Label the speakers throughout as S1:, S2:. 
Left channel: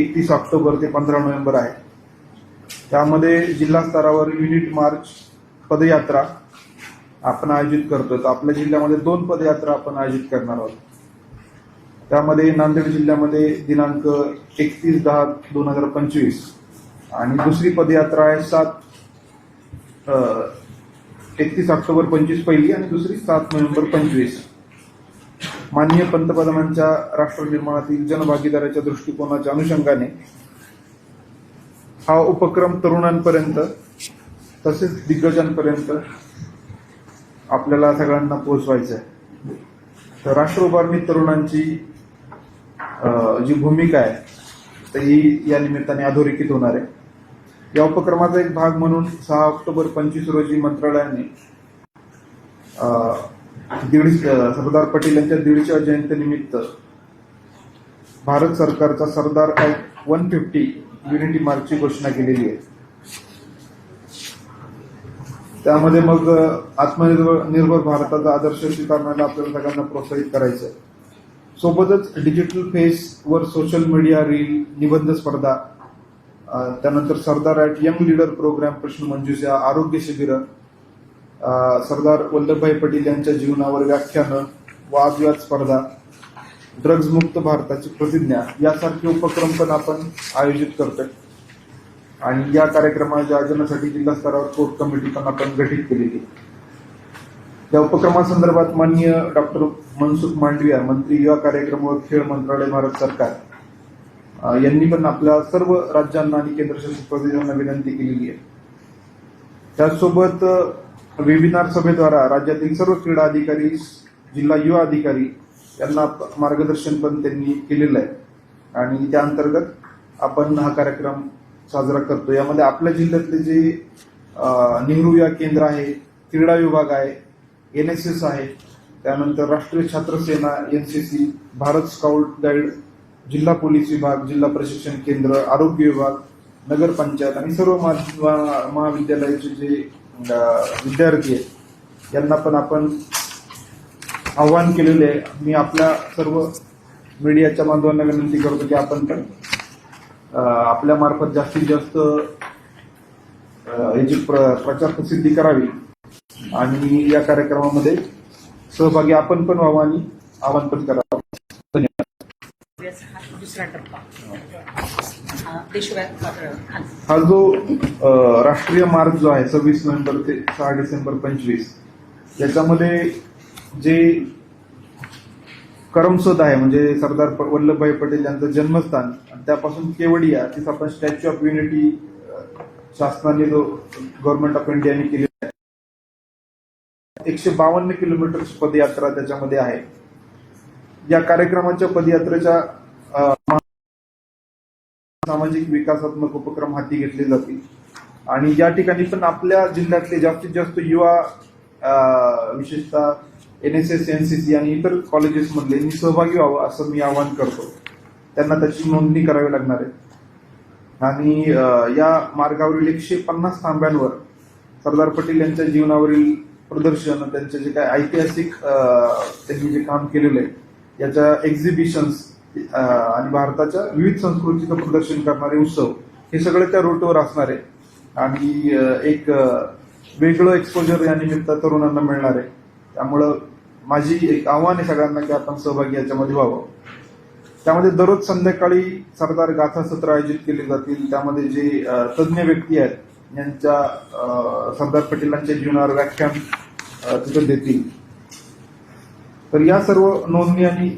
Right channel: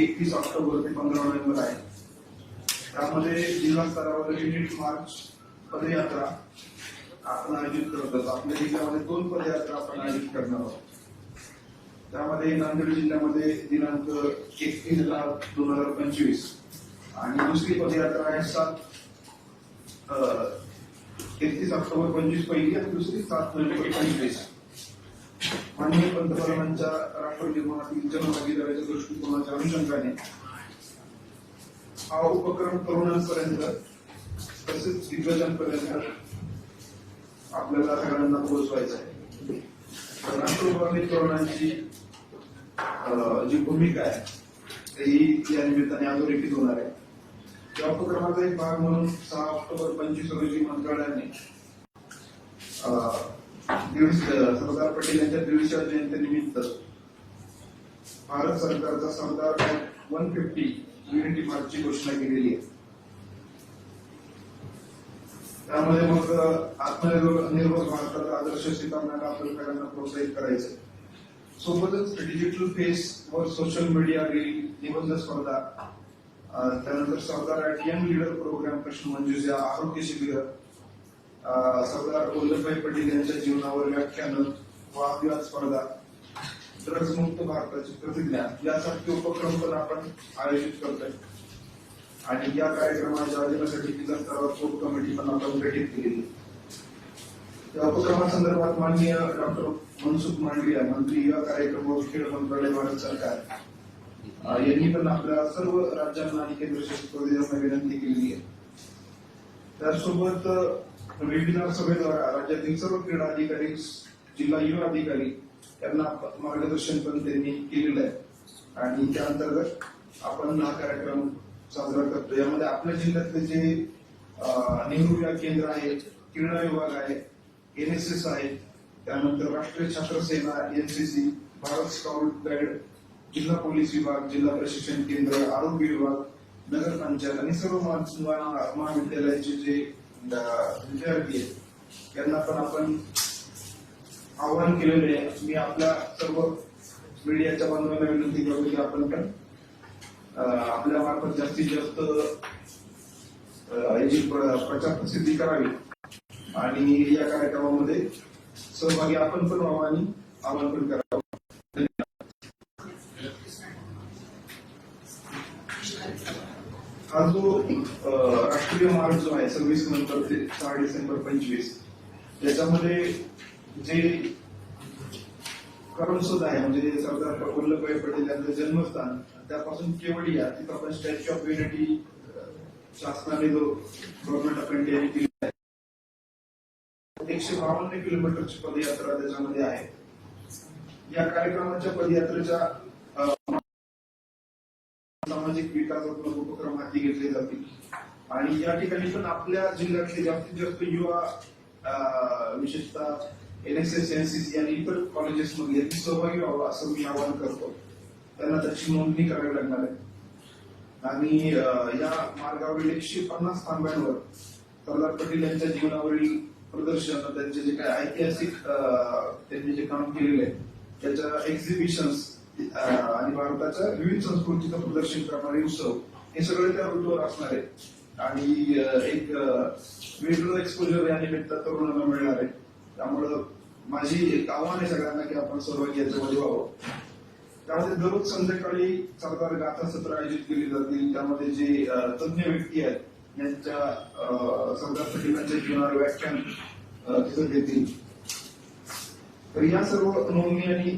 S1: एकतीस ऑक्टोबर ते पंधरा नोव्हेंबर आहे त्यामध्ये जिल्हा स्तरावर युनिट मार्च पदयात्रा आपण आयोजित करतो तर आपल्या जिल्ह्यामध्ये दोन पदयात्रा आपण आयोजित करणार आहोत त्यामध्ये नांदेड जिल्ह्यामध्ये दिनांक एकतीस दहा दोन हजार पंचवीस आणि दुसरी पदयात्रा आहे सात एकतीस ऑक्टोबर पंचवीस पहिली आणि दुसरी सात नोव्हेंबर पंचवीस माननीय पंतप्रधानांच्या राष्ट्र निर्माणातील जनभागीदाराच्या दृष्टिकोनाच्या अनुषंगाने हा उपक्रम तरुणांपर्यंत तसेच दिग्गजांपर्यंत आपल्याला सगळ्यांना पोहोचवायचं आहे तर राष्ट्र उभारणी तरुणांची जी भूमिका आहे तर ही या निमित्ताने अधोरेखित होणार आहे या उपक्रमाचा एक भाग म्हणून सहा ऑक्टोबर पंचवीस रोजी मंत्रालयाने दीडशे सरदार पटेल यांच्या दीडशे जयंतीनिमित्त भारत सरकारचा सरदार काय वन फिफ्टी युनिटी मार्कची घोषणा केलेली आहे त्यामध्ये मग आत्मनिर्भर निर्भर भारताचा आदर्श स्वीकारण्याला आपल्याला सगळ्यांना प्रोत्साहित करायचं सोबतच डिजिटल फेस वर सोशल मीडिया रील निबंध स्पर्धा त्यानंतर Sardar at young leader program प्रश्न मंजुषा आरोग्य शिबिर सरदार वल्लभभाई पटेल यांच्या जीवनावर व्याख्यानं वादविवाद स्पर्धा ड्रग्ज मुक्त भारताची प्रतिज्ञा यासारखे उपक्रम पण आपण आयोजित करतोय आणि या कार्यक्रमाच्या आयोजनासाठी जिल्हा स्तरावर कोर्ट कमिटी पण आपण गठीत केलेली या उपक्रमासंदर्भात माननीय डॉक्टर मनसुख मांडविया मंत्री कार्यक्रम कार्यक्रमावर खेळ मंत्रालय भारत सरकार यांनी पण आपल्या सर्व राज्यांना आणि केंद्रशासित प्रदेशांना विनंती केलेली आहे त्याचसोबत वेबिनार सभेद्वारा राज्यातील सर्व क्रीडा अधिकारी जिल्हा युवा अधिकारी यांना मार्गदर्शन पण त्यांनी केलेलं आहे आणि त्या अंतर्गत आपण हा कार्यक्रम साजरा करतो यामध्ये आपल्या जिल्ह्यातले जे नेहरू या केंद्र आहे क्रीडा विभाग आहे एन एस एस आहे त्यानंतर राष्ट्रीय छात्र सेना N C C Bharat scout guide जिल्हा पोलीस विभाग जिल्हा प्रशिक्षण केंद्र आरोग्य विभाग नगरपंचायत आणि सर्व महाविद्यालयाचे जे विद्यार्थी आहेत यांना पण आपण आव्हान केलेलं आहे मी आपल्या सर्व मीडियाच्या बांधवांना विनंती करतो की आपण पण मार्फत जास्तीत जास्त याची प्रचार प्रसिद्धी करावी आणि या कार्यक्रमामध्ये सहभागी आपण पण व्हावं आणि आवाहन पण करावं धन्यवाद हा जो राष्ट्रीय मार्ग जो आहे सव्वीस नोव्हेंबर ते सहा डिसेंबर पंचवीस याच्यामध्ये जे करमसोद आहे म्हणजे सरदार वल्लभभाई पटेल यांचं जन्मस्थान त्यापासून केवडिया तिथं आपण स्टॅच्यू ऑफ युनिटी शासनाने जो गव्हर्नमेंट ऑफ इंडियाने केली एकशे बावन्न किलोमीटर पदयात्रा त्याच्यामध्ये आहे या कार्यक्रमाच्या पदयात्रेच्या सामाजिक विकासात्मक उपक्रम हाती घेतले जातील आणि या ठिकाणी पण आपल्या जिल्ह्यातले जास्तीत जास्त युवा विशेषतः N S S N C C आणि इतर कॉलेजेसमधले सहभागी व्हावं असं मी आवाहन करतो त्यांना त्याची नोंदणी करावी लागणार आहे आणि या मार्गावरील एकशे पन्नास थांब्यांवर सरदार पटेल यांच्या जीवनावरील प्रदर्शन त्यांचे जे काय ऐतिहासिक त्यांनी जे काम केलेलं आहे याच्या एक्झिबिशन्स आणि भारताच्या विविध संस्कृतीचं प्रदर्शन करणारे उत्सव हे सगळे त्या रूटवर असणार आहे आणि एक वेगळं एक्सपोजर या निमित्त तरुणांना मिळणार आहे त्यामुळं माझी एक आव्हान आहे सगळ्यांना की आपण सहभागी याच्यामध्ये व्हावं त्यामध्ये दररोज संध्याकाळी सरदार गाथा सत्र आयोजित केले जातील त्यामध्ये जे तज्ज्ञ व्यक्ती आहेत यांच्या सरदार पटेलांच्या जीवनावर व्याख्यान तिथं देतील तर या सर्व नोंदणी आणि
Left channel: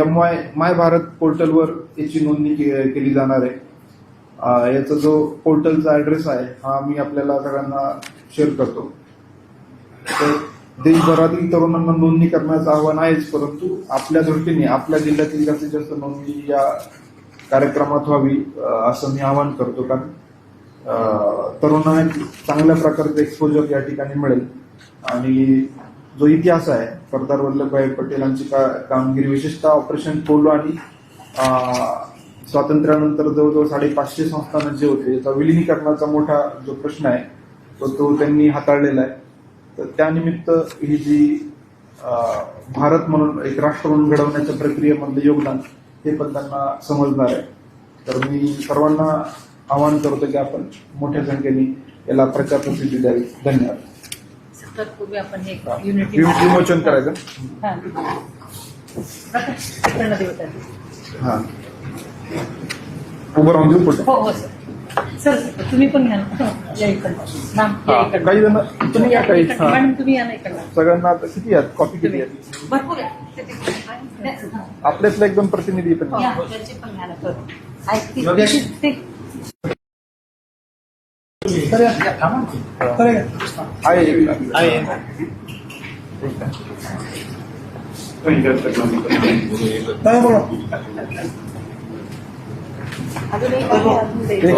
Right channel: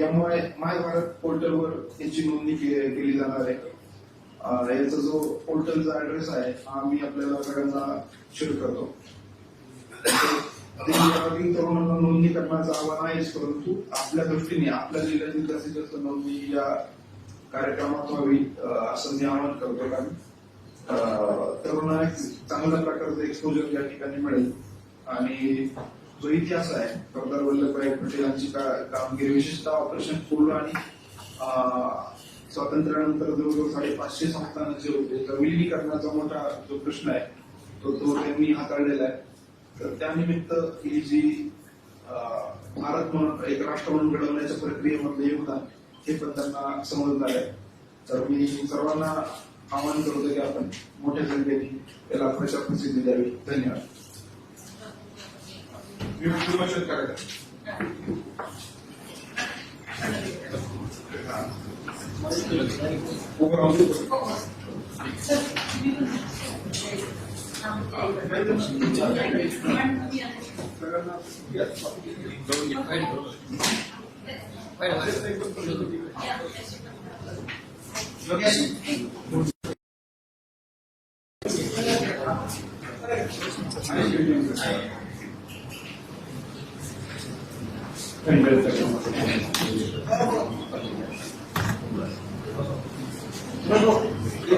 S1: एम वाय माय भारत पोर्टलवर याची नोंदणी केली जाणार आहे याचा जो पोर्टलचा ॲड्रेस आहे हा मी आपल्याला सगळ्यांना शेअर करतो देशभरातील तरुणांना नोंदणी करण्याचं आव्हान आहेच परंतु आपल्या दृष्टीने आपल्या जिल्ह्यातील जास्तीत जास्त नोंदणी या कार्यक्रमात व्हावी असं मी आवाहन करतो कारण तरुणांना चांगल्या प्रकारचं एक्सपोजर या ठिकाणी मिळेल आणि जो इतिहास आहे सरदार वल्लभभाई पटेलांची का कामगिरी विशेषतः ऑपरेशन पोलो आणि स्वातंत्र्यानंतर जवळजवळ साडेपाचशे संस्थानं जे होते त्याचा विलिनीकरणाचा मोठा जो प्रश्न आहे तो तो त्यांनी हाताळलेला आहे तर त्यानिमित्त ही जी भारत म्हणून एक राष्ट्र म्हणून घडवण्याच्या प्रक्रियेमधलं योगदान ते पण त्यांना समजणार आहे तर मी सर्वांना आवाहन करतो की आपण मोठ्या संख्येने याला प्रचार प्रसिद्धी द्यावी धन्यवाद तत्पूर्वी आपण युनिटी विमोचन करायचं उभं राहून देऊ हो, हो, सर तुम्ही पण घ्या हो, काही जण तुम्ही काय काही तुम्ही या सगळ्यांना किती आहेत कॉपी किती आहेत आपल्यातला एकदम प्रतिनिधी एक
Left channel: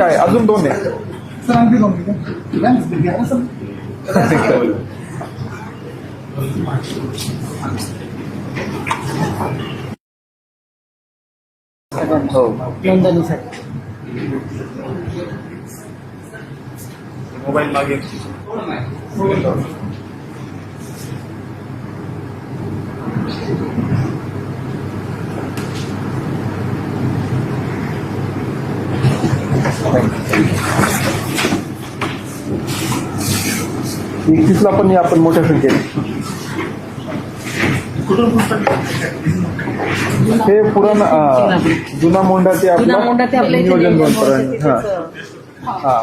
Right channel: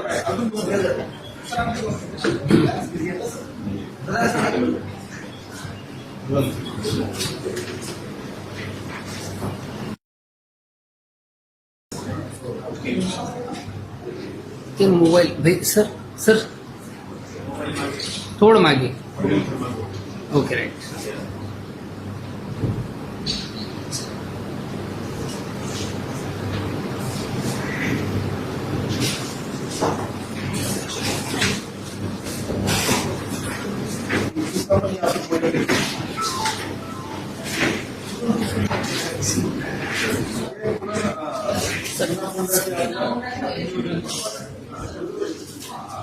S2: आहे अजून दोन आहे हो तीन मोबाईल सर सर मोबाईल मागे थोडं मागे ओके राईट
S1: एकतीसला पण या आपण मोठ्या संख्येने हे पुरण जुना मोंडा ते आपलं नियोजन दोन पर्यंत हा हा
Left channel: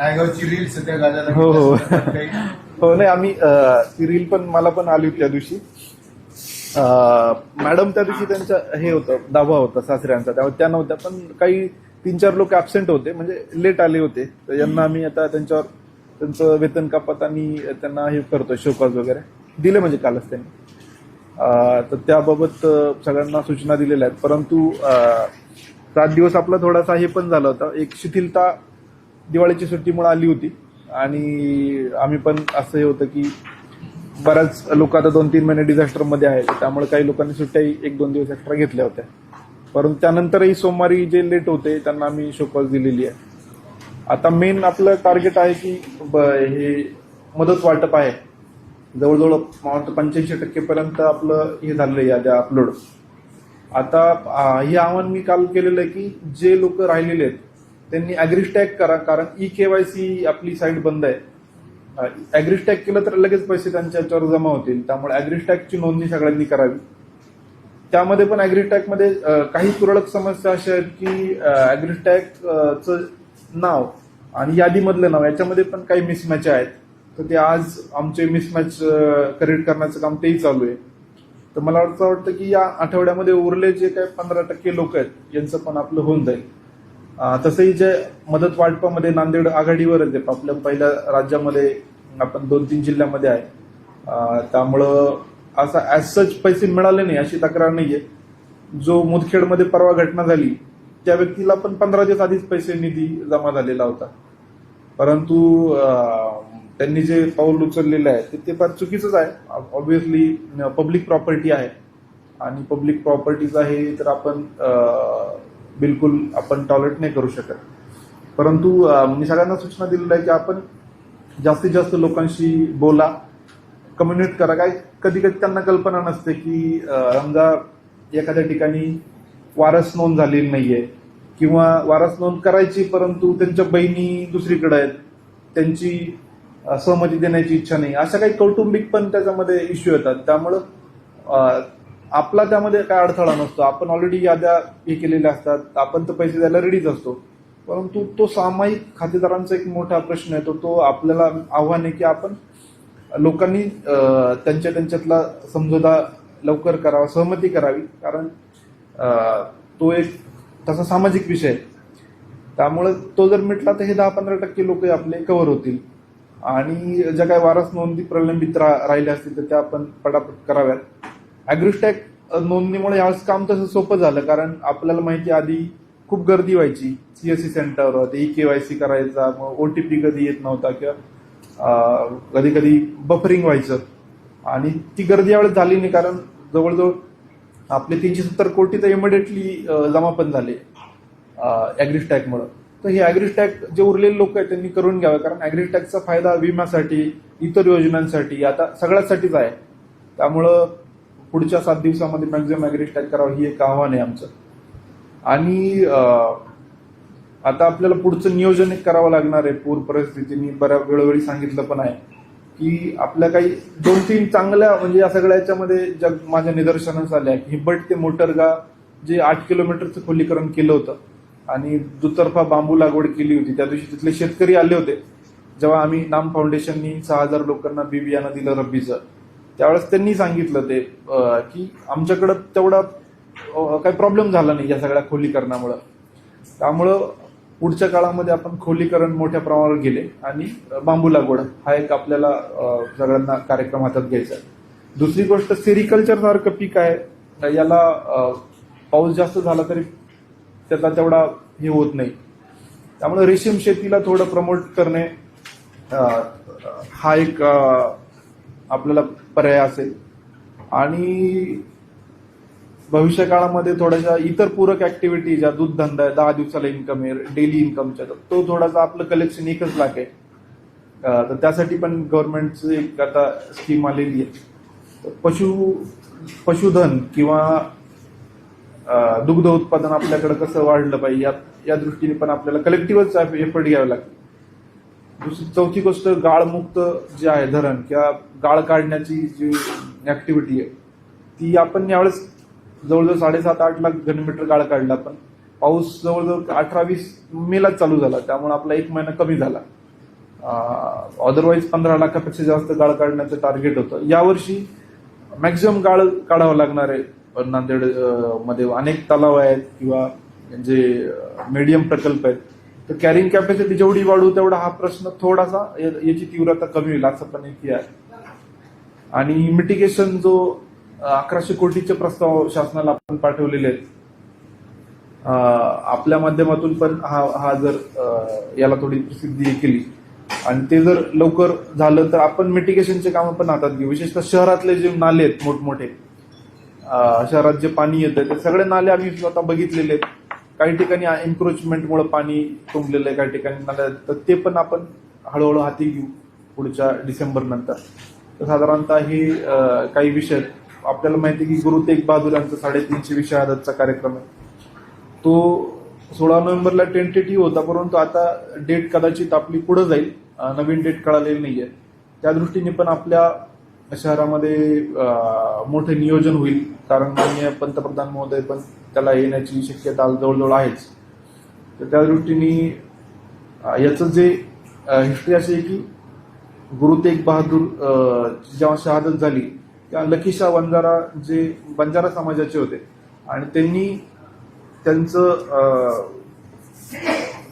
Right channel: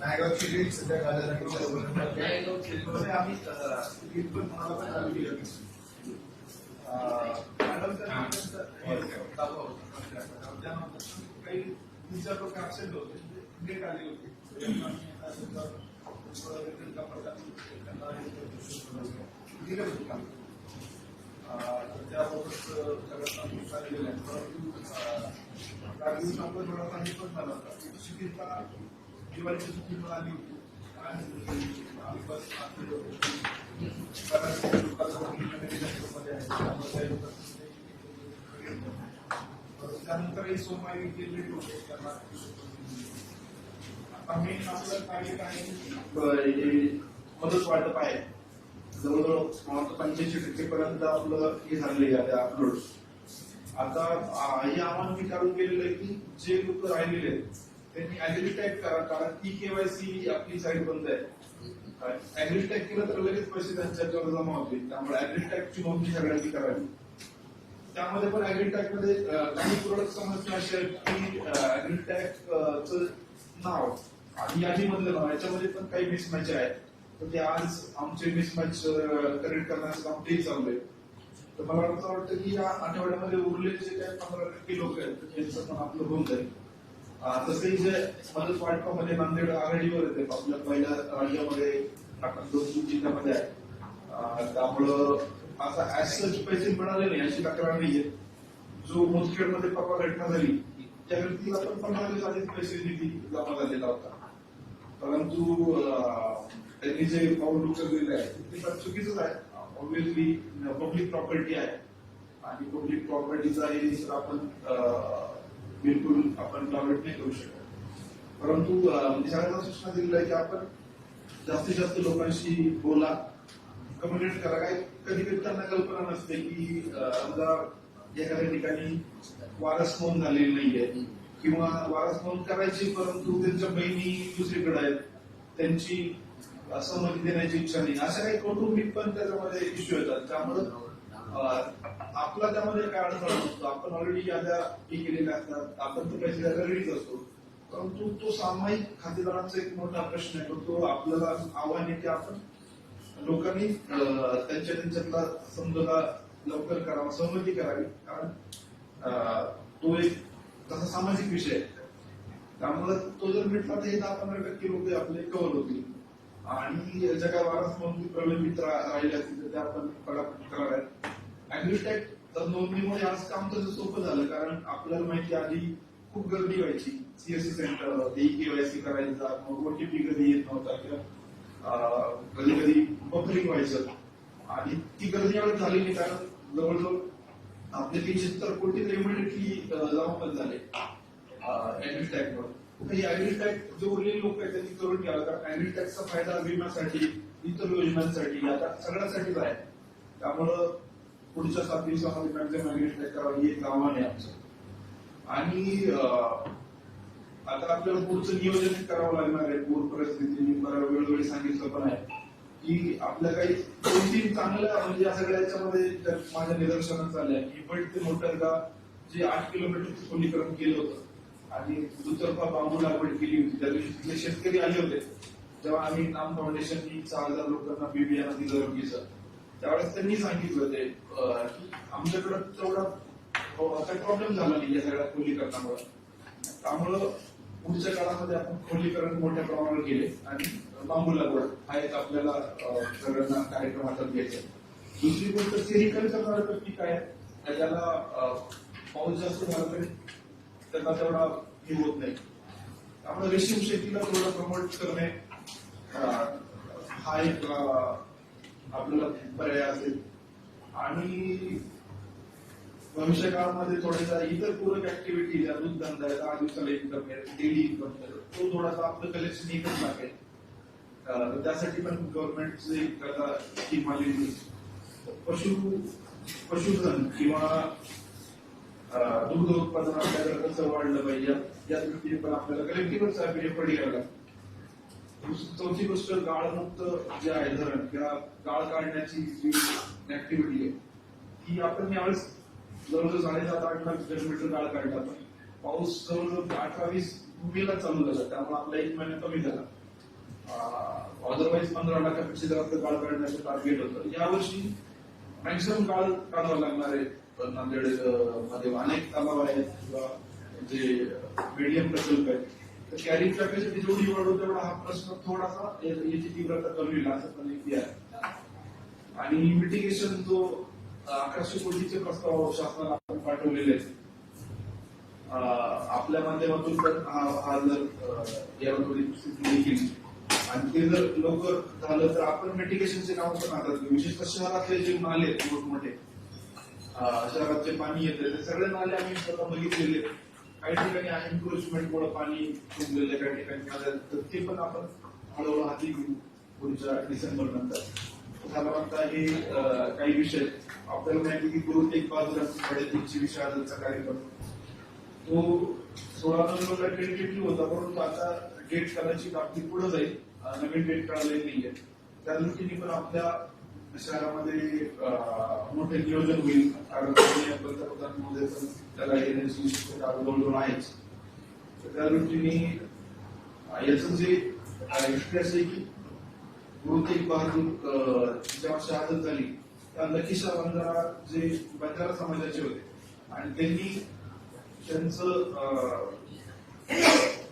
S1: हो हो हो नाही आम्ही सिरियल पण मला पण आली होती त्या दिवशी मॅडम त्या दिवशी त्यांचा हे होतं दावा होता सासऱ्यांचा त्यामुळे त्या नव्हत्या पण काही तीन चार लोक ऍबसेंट होते म्हणजे लेट आले होते तर यांना आम्ही आता त्यांच्यावर त्यांचं वेतन कापत आणि त्यांना हे करतो शोकॉज वगैरे दिले म्हणजे कालच त्यांनी तर त्याबाबत सगळ्यांना सूचना दिलेल्या आहेत परंतु सात दिवस आपला थोडासा हे पण झाला होता एक शिथिलता दिवाळीची सुट्टीमुळे आली होती आणि आम्ही पण असं हे होतं की बऱ्याच लोक आता दोन तीन महिने डिझास्टरमध्ये आहेत त्यामुळे काही लोकांनी सुट्ट्याही एक दोन दिवस एक्स्ट्रा घेतल्या होत्या परंतु त्यानंतरही सोमवारी जे लेट होते त्यांना आम्ही शोकॉज दिलेली आहे आता मेन आपलं टार्गेट आहे की हे मदत वाटप आहे जवळजवळ पंच्याऐंशी टक्केपर्यंत आपलं हे झालेलं आहे अपलोड आता हे आव्हान मी काल केलेलं आहे की जे लोक राहिलेले आहेत त्यांनी अॅग्रिस्टॅग करा कारण ई e केवायसी आपली साईट बंद आहे अॅग्रिस्टॅग केलं तर लगेच पैसे त्यांच्या याच्यावर जमा होतील त्यामुळे अॅग्रिस्टॅगची नोंदणी सगळ्यांनी करावी त्यामध्ये पण मध्ये काही तुरळक समस्या अशा आहेत की अॅग्रिस्टॅगचं नाव आणि यादीमधलं नाव याच्यामध्ये पण काही मिसमॅच आहेत तर ते आज आमचे मिसमॅच करेक्ट करण्याचं काम तेही चालू आहे तर मला असं वाटतं की या आठवड्यामध्ये उरले जे काही पंधरा टक्के लोक आहेत यांचं पण आपलं होऊन जाईल तसंही जे मदत वाटपामध्ये नांदेड आघाडीवरच आहे आपल्या पहिल्या राज्यामध्ये आपण दोन तीन जिल्ह्यामध्ये आहे त्यामुळं असा ऍज सच पैसे मिळाले नाही अशी तक्रार नाही आहे जो मुदखेडमध्ये परवा घटना झाली त्या व्यक्तीला पण पंधरा दिवस आधीच पैसे निधी जमा झालेला होता परंतु त्यांनी जे पाऊल उचललेलं आहे ते ते फार चुकीचंच आहे ऑब्विसली पब्लिक प्रॉपर्टी आहे आणि पब्लिक प्रॉपर्टीज आहे तर आपण बिलकुल आपण टॉयलेट नाही करू शकत परंतु मी सगळ्यांना सूचना दिलेल्या आहे की आपण जास्तीत जास्त लोकांशी बोला कम्युनिकेट करा काय कधी कधी त्यांना कल्पना नसते की समजा एखाद्या ठिकाणी वारस नोंद झालेली नाहीये किंवा वारस नोंद करायची परंतु त्यांच्या बहिणी दुसरीकडे आहेत त्यांची सहमती देण्याची इच्छा नाही अशा काही कौटुंबिक पण त्याच्यामध्ये इश्यू येतात त्यामुळं आपला त्यामध्ये काय अडथळा नसतो आपण ऑलरेडी याद्या हे केलेल्या असतात आपण तर पैसे द्यायला रेडीच असतो परंतु तो सामायिक खातेदारांचा एक मोठा प्रश्न आहे तो तो आपल्याला आव्हान आहे की आपण लोकांनी त्यांच्या त्यांच्यातला समजोदा लवकर करावा सहमती करावी कारण तो एक तसा सामाजिक विषय आहे त्यामुळे तो जर मिटला तर हे दहा पंधरा टक्के लोक आपले कव्हर होतील आणि ज्या काही वारस नोंदी प्रलंबित राहिल्या असतील तर त्या आपण पटापट कराव्यात अॅग्रिस्टॅक नोंदणीमुळे यावेळेस काम तसं सोपं झालं कारण आपल्याला माहिती आधी खूप गर्दी व्हायची सीएससी सेंटर ते ई वाय सी करायचा मग ओ टी पी कधी येत नव्हता किंवा कधी कधी बफरिंग व्हायचं आणि ती गर्दी यावेळेस झाली नाही कारण जवळजवळ आपले तीनशे सत्तर कोटी तर इमिडिएटली जमा पण झाले अॅग्रिस्टॅकमुळे तर हे अॅग्रिस्टॅक जे उरलेले लोक आहेत त्यांनी करून घ्यावं कारण अॅग्रिस्टॅकचा फायदा विम्यासाठी इतर योजनांसाठी आता सगळ्यासाठीच आहे त्यामुळं पुढच्या सात दिवसामध्ये मॅक्झिमम ऍग्रेट करावं ही एक आव्हान आहे आमचं आणि आता आपल्याला पुढचं नियोजन एक करावं लागणार आहे पूर परिस्थितीने बऱ्या वेळोवेळी सांगितलं पण आहे की आपल्या काही दोन तीन चांगल्या म्हणजे या सगळ्या याच्यामध्ये ज्या माझ्या निदर्शनास आल्या हिबट हिंबट ते मोटरगा जे आठ किलोमीटरचं खोलीकरण केलं होतं आणि दुतर्फा बांबू लागवड केली होती त्या दिवशी तिथले शेतकरी आले होते जेव्हा आम्ही नाम फाउंडेशननी सहा हजार लोकांना बी बियाणं दिलं रब्बीचं त्यावेळेस त्यांनी सांगितलं ते की आमच्याकडं तेवढा काही प्रॉब्लेम झाला नाही या सगळ्या खोलीकरणामुळं त्यामुळं पुढच्या काळामध्ये आपण खोलीकरण मोठ्या प्रमाणावर गेले आणि बांबू लागवड हा एक आपल्याला सगळ्यांना कार्यक्रम हातात घ्यायचा आहे दुसरी गोष्ट सेरिकल्चर सारखं पीक आहे याला पाऊस जास्त झाला तरी त्याचा तेवढा हे होत नाही त्यामुळे रेशीम शेतीला थोडं प्रमोट करणे हा एक आपल्याला पर्याय असेल आणि भविष्यकाळामध्ये काळामध्ये थोड्याशा इतर पूरक ऍक्टिव्हिटी ज्या दूधधंदा आहे दहा दिवसाला इन्कम आहे डेली इन्कमच्या तो थोडासा आपलं कलेक्शन एकच लाख आहे तर त्यासाठी पण गव्हर्नमेंटची एक आता स्कीम आलेली आहे पशु पशुधन किंवा दुग्ध उत्पादन आपल्याकडे कसं वाढलं पाहिजे या दृष्टीने पण आपल्याला कलेक्टिव्हच एफर्ट घ्यावे लागतील दुसरी चौथी गोष्ट गाळमुक्त जे आहे धरण किंवा गाळ काढण्याची जी ऍक्टिव्हिटी आहे ती आपण यावेळेस जवळजवळ साडेसात आठ लाख घनमीटर गाळ काढला पण पाऊस जवळजवळ अठरा वीस मेला चालू झाला त्यामुळे आपला एक महिना कमी झाला अदरवाईज पंधरा लाखापेक्षा जास्त गाळ काढण्याचं टार्गेट होतं यावर्षी मॅक्झिमम गाळ काढावं लागणार आहे नांदेड मध्ये अनेक तलाव आहेत किंवा म्हणजे मीडियम प्रकल्प आहेत तर कॅरिंग कॅपॅसिटी जेवढी वाढू तेवढा हा प्रश्न थोडासा याची तीव्रता कमी होईल असं पण इथे आहे आणि मिटिगेशन जो अकराशे कोटीचे प्रस्ताव शासनाला आपण पाठवलेले आहेत आपल्या माध्यमातून पण हा हा जर याला थोडी प्रसिद्धी केली आणि ते जर लवकर झालं तर आपण मिटिगेशनचे कामं पण हातात घेऊ विशेषतः शहरातले जे नाले आहेत मोठमोठे शहरात जे पाणी येतं ते सगळे नाले आम्ही स्वतः बघितलेले आहेत काही ठिकाणी एन्क्रोचमेंटमुळे पाणी तुंबलेलं आहे काही ठिकाणी नाल्या तर ते पण आपण हळूहळू हाती घेऊ पुढच्या डिसेंबर नंतर तर साधारणतः हे काही विषय आपल्याला माहिती की गुरु तेग बहादूर यांचा साडेतीनशे विषय आदतचा कार्यक्रम आहे तो सोळा नोव्हेंबरला टेंटेटिव्ह होता परंतु आता डेट कदाचित आपली पुढे जाईल नवीन डेट कळालेली नाही आहे त्या दृष्टीने पण आपल्या शहरामध्ये मोठे नियोजन होईल कारण माननीय पंतप्रधान महोदय पण त्याला येण्याची शक्यता जवळजवळ आहेच तर त्या दृष्टीने याचं जे हिस्ट्री अशी आहे की गुरु तेग बहादूर जेव्हा शहादत झाली त्या लखीशा वंजारा जे बंजारा समाजाचे होते आणि त्यांनी त्यांचं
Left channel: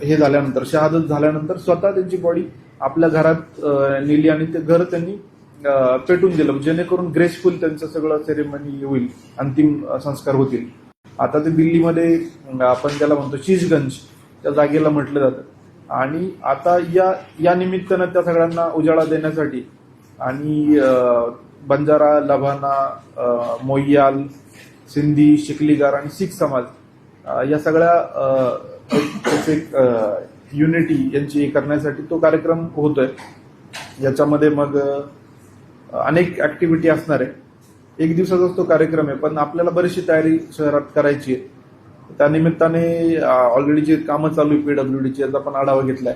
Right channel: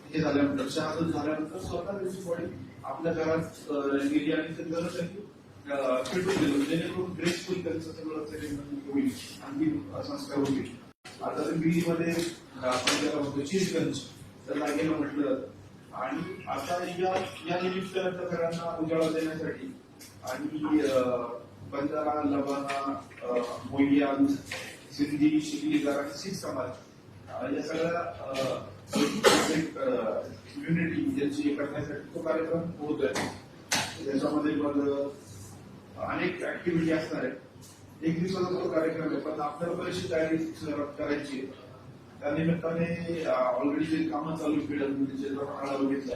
S1: हे झाल्यानंतर शहादत झाल्यानंतर स्वतः त्यांची बॉडी आपल्या घरात नेली आणि ते घर त्यांनी पेटून गेलं म्हणजे जेणेकरून ग्रेसफुल त्यांचं सगळं सेरेमनी होईल अंतिम संस्कार होतील आता ते दिल्लीमध्ये आपण त्याला म्हणतो चीजगंज त्या जागेला म्हटलं जातं आणि आता या या निमित्तानं त्या सगळ्यांना उजाळा देण्यासाठी आणि बंजारा लभाना मोयाल सिंधी शिकलीगार आणि शीख समाज या सगळ्या युनिटी यांची करण्यासाठी तो कार्यक्रम होतोय याच्यामध्ये मग अनेक ऍक्टिव्हिटी असणार आहे एक दिवसाचाच तो कार्यक्रम आहे पण आपल्याला बरीचशी तयारी शहरात करायची आहे त्या निमित्ताने ऑलरेडी जे कामं चालू आहे पीडब्ल्यू डी याचा पण आढावा घेतलाय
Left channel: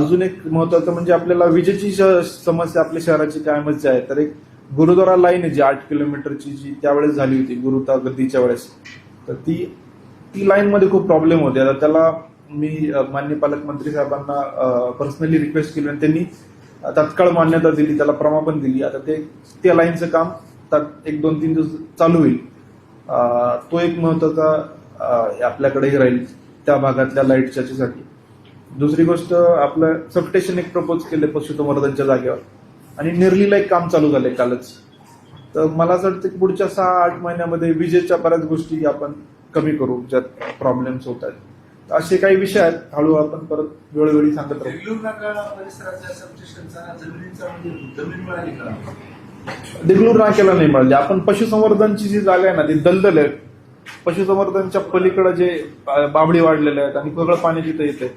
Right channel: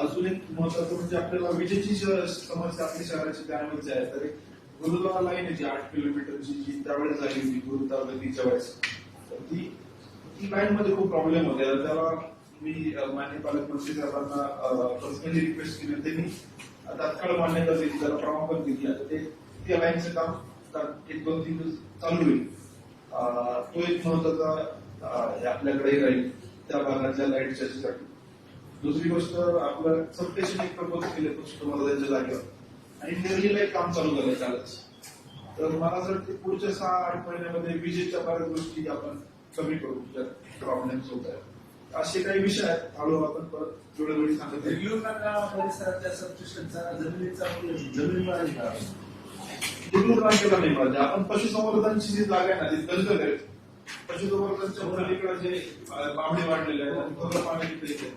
S1: अजून एक महत्वाचं म्हणजे आपल्याला विजेची समस्या आपल्या शहराची कायमच आहे तर एक गुरुद्वारा लाईन आहे जी आठ किलोमीटरची जी त्यावेळेस झाली होती गुरुता गर्दीच्या वेळेस तर ती ती लाईनमध्ये खूप प्रॉब्लेम होते आता त्याला मी मान्य पालकमंत्री साहेबांना पर्सनली रिक्वेस्ट केली आणि त्यांनी तत्काळ मान्यता दिली त्याला प्रमा दिली आता ते त्या लाईनचं काम एक दोन तीन दिवस चालू होईल तो एक महत्वाचा आपल्याकडेही राहील त्या भागातल्या लाईटच्यासाठी दुसरी गोष्ट आपलं सबस्टेशन एक प्रपोज केलं पशुसंवर्धनच्या जागेवर आणि निर्लीला एक काम चालू झालंय कालच तर मला असं वाटतं पुढच्या सहा आठ महिन्यामध्ये विजेच्या बऱ्याच गोष्टी आपण कमी करू ज्यात प्रॉब्लेम्स होत आहेत असे काही विषय आहेत हळू आपण परत वेळोवेळी सांगत राहू डिग्लूर नाक्याला केला नाही म्हणजे आपण पशुसंवर्धनची जी जागा आहे ना ती दलदल आहेत पशुसंवर्धनच्या पलीकडे जे बाबडी वाढलेले आहेत आणि सगळं पाणी तिथे येते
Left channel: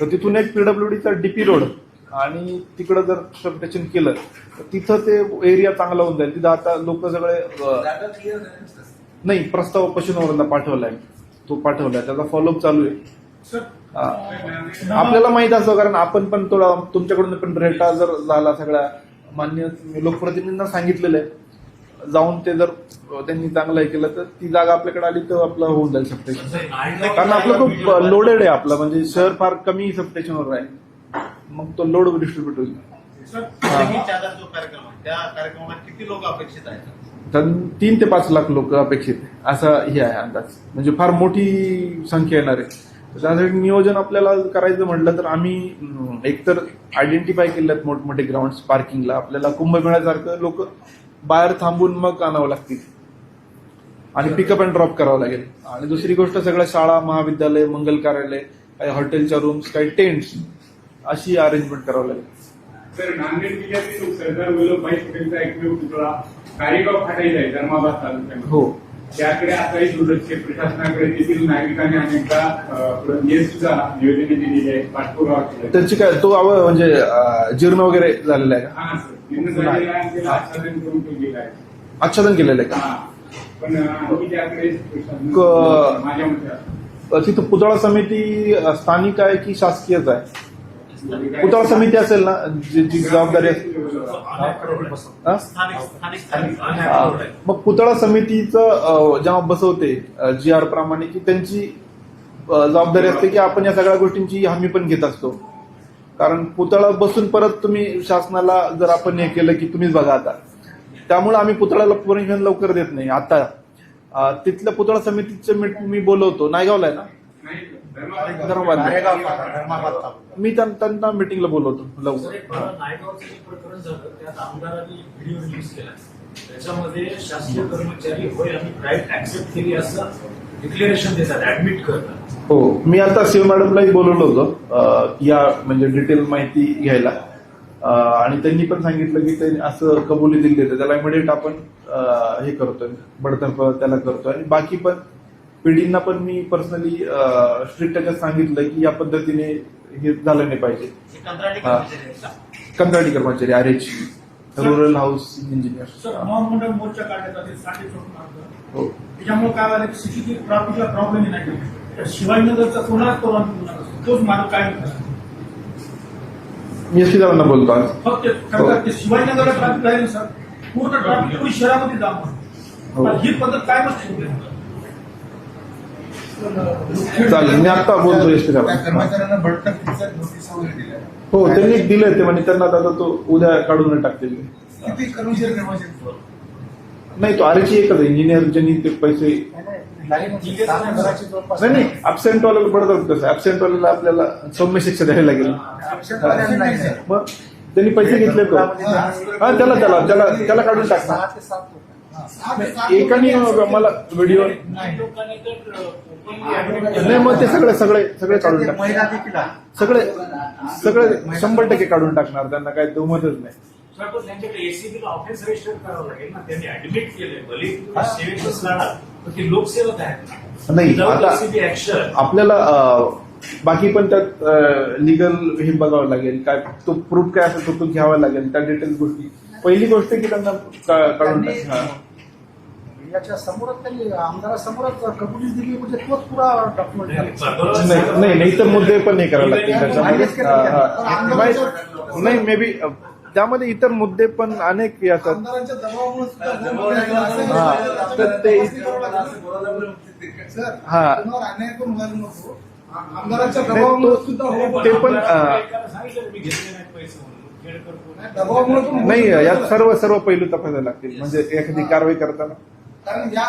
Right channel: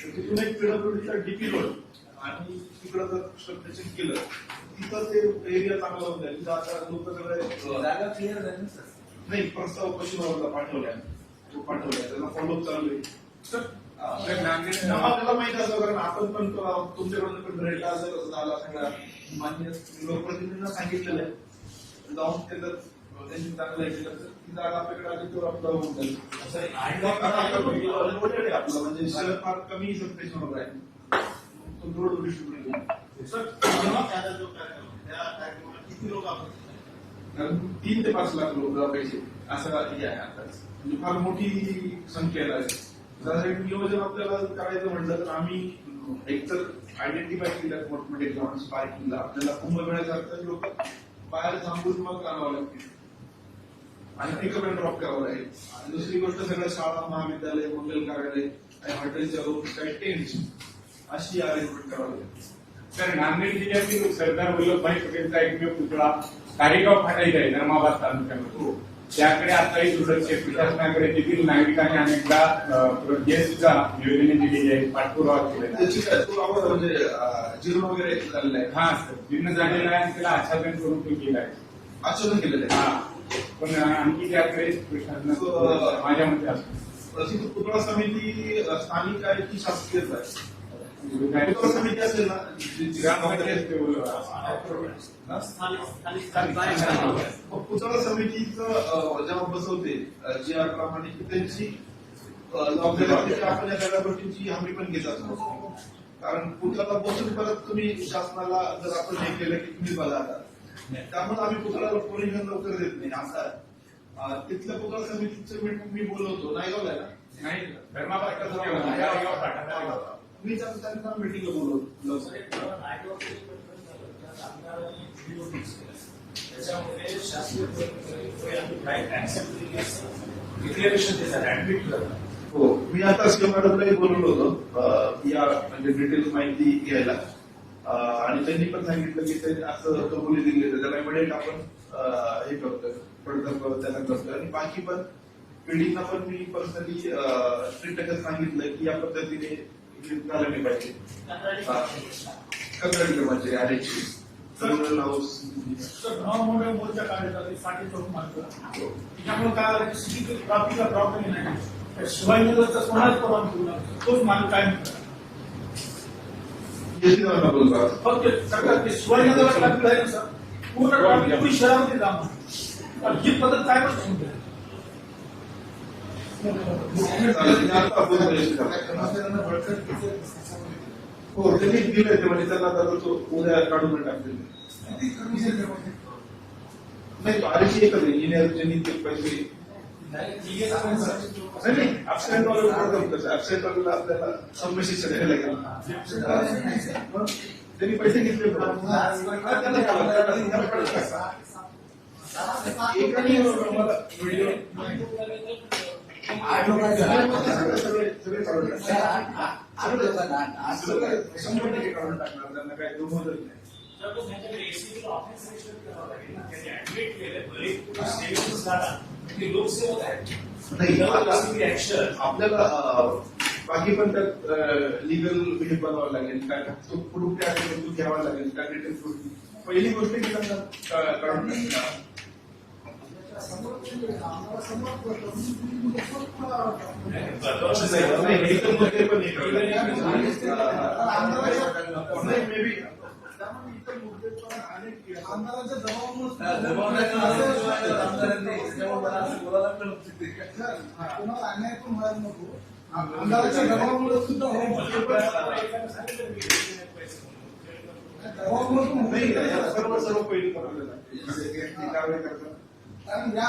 S1: तर तिथून एक पीडब्ल्यूडीचा डीपी रोड आणि तिकडे जर सर्वेक्षण केलं तर तिथं ते एरिया चांगला होऊन जाईल तिथं आता लोक सगळे नाही प्रस्ताव पशुसंवर्धन पाठवला आहे तो पाठवला त्याचा फॉलोअप चालू आहे आपल्याला माहित असतो कारण आपण पण थोडा तुमच्याकडून पण रेटा जर झाला सगळा मान्य लोकप्रतिनिधींना सांगितलेलं आहे जाऊन ते जर त्यांनी चांगलं हे केलं तर ती जागा आपल्याकडे आली तर आपलं होऊन जाऊ शकते कारण आपलं खूप लोडेड आहे आपलं म्हणजे शहर फार कमी सबस्टेशनवर आहे मग तो लोड डिस्ट्रीब्युट होईल
S3: किती लोक अपेक्षित आहेत
S1: कारण तीन ते पाच लाख लोक अपेक्षित असा हे आहे अंदाज म्हणजे फार मोठी संख्या येणार आहे त्यासाठी नियोजन आपल्याला करायचं म्हटलं तर आम्ही एकतर आयडेंटिफाय केल्यात मोठमोठे ग्राउंड पार्किंगला आपल्याला कुंभमेळ्यासारखं लोक बाहेर थांबून मग आणावं लागतील आणि पिकअप अँड ड्रॉप करावं लागेल आणि दुसरी गोष्ट सगळ्या शाळा महाविद्यालय मंगल कार्यालय काही हॉटेलच्या रूम्स काही टेंट्स अशी अरेंजमेंट करावं लागेल
S3: तर नांदेड जिल्ह्यातील सरदार वल्लभभाई पटेलचा एकमेव पुतळा कारेगाव फाटा आहे धर्माबाद तालुक्यात हो त्याकडे आताही दुर्लक्ष प्रशासनाकडे तेथील नागरिकांनी अनेकदा येसचा नियोजन दिलेली आहे पाठपुरावा
S1: काय तो आव म्हणजे जीर्ण वगैरे झालेला आहे हा सर जीर्ण झालेला आहे त्याला आच्छादन करून तो गेला आहे आच्छादन केलेलं आहे हा पण आम्ही त्याकडे प्रशासन माझ्या मते तिथं पुतळा समिती स्थानिक आहे की शासकीयच आहे पुतळा समिती असेल ना जी जबाबदारी मग पुतळा समितीचं जेव्हा बसवते जी आर प्रमाणे की त्यांची जबाबदारी असते की आपण या सगळ्या गोष्टींची हमी पण घेत असतो कारण पुतळा बसून परत तुम्ही शासनाला जर आपण हे केलं की तुम्हीच बघा आता त्यामुळे आम्ही पुतळ्याला परमिशन लवकर देत नाही आता तिथल्या पुतळा समितीचं मी बोलवतो नायगावला आहे ना धर्माबाद मी त्यांना मीटिंगला बोलवतो लवकर हो मी आता शिव मॅडमलाही बोलवलं होतं या म्हणजे डिटेल माहिती घ्यायला आणि त्यांनी पण सांगितलं की त्यांनी असं कबुली दिली त्याला इमिडिएट आपण हे करतोय बडतर्फ त्याला करतोय आणि बाकी पण पिढींना पण मी पर्सनली स्ट्रिक्ट सांगितलं की या पद्धतीने हे झालं नाही पाहिजे कंत्राटी कर्मचारी R H rural house engineer मोर्चा हो. काय प्रॉब्लेम नाही तोच मार्ग काय मी एस बोलतो आज हो. शिवाजीनगर सर पूर्ण हो. शहरामध्ये जाऊन ही पद्धत काय बसते चालेल मी आता बोलतोय हो त्यांनी दिले ते म्हणजे त्यांना आता तो उद्या काढून टाकतील नाही तो आरची एकच इंजिनियर ज्यांनी ते पैसे नाही तर बरं बरोबर कसं अब्सेंट वाल्याला आपल्याला सौम्य शिक्षा द्यायला लागेल मग त्यांनी पैसे घेतले हा त्याला त्याला त्याला त्याला काढून टाकणार एकाने मला व्हिडिओ नाही मग ते सगळे सगळे सगळे काढून टाकणार सगळे सगळे शंभर टक्के काढून टाकणार त्यांना काही दुमतच नाही नाही आपल्याला बाकी पण त्यात लिगल हे बघावं लागेल काय तो प्रूफ काय असेल तो घ्यावा लागेल त्या डिटेल गोष्टी पहिली गोष्ट की त्यांना काढून टाकणार
S3: याच्या त्यांनी दिली म्हणजे तोच पुरा डॉक्युमेंट
S1: नाही नाही, मुद्दे पण नाही करायला लागतील नाही- मे बी त्यामध्ये इतर मुद्दे पण अनेक येतात ते- पण नाही यात सर्व सर्व पैलू तपासायला लागतील म्हणजे एखादी कारवाई करताना
S3: कारण या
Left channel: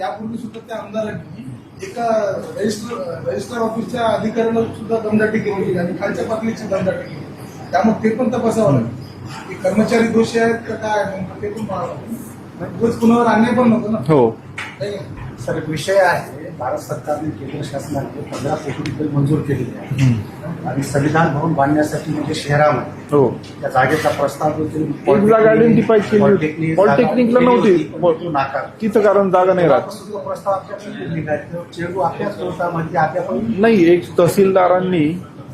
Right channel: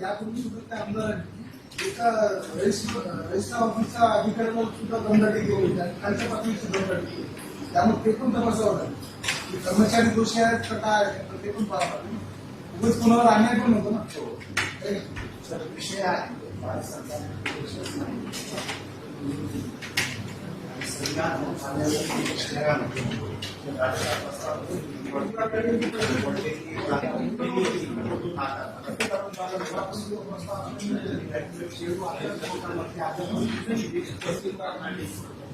S3: यापूर्वी सुद्धा त्या आमदारांनी एका रजिस्टर ऑफिसच्या अधिकाऱ्यांवर सुद्धा दमदाटी केली आणि खालच्या पातळीची दमदाटी केली त्यामुळे ते पण तपासावं लागेल की कर्मचारी दोषी आहेत का काय ते पण पाहावं लागेल कुणावर आणणे पण नव्हतं ना हो सर विषय आहे भारत सरकारने केंद्र शासनाने पंधरा कोटी रुपये मंजूर केलेले आहे आणि संविधान भवन बांधण्यासाठी म्हणजे शहरामध्ये हो. त्या जागेचा प्रस्ताव
S1: एक जागा आयडेंटिफाय केली तिथं कारण जागा नाही राहत म्हणजे नाही एक तहसीलदारांनी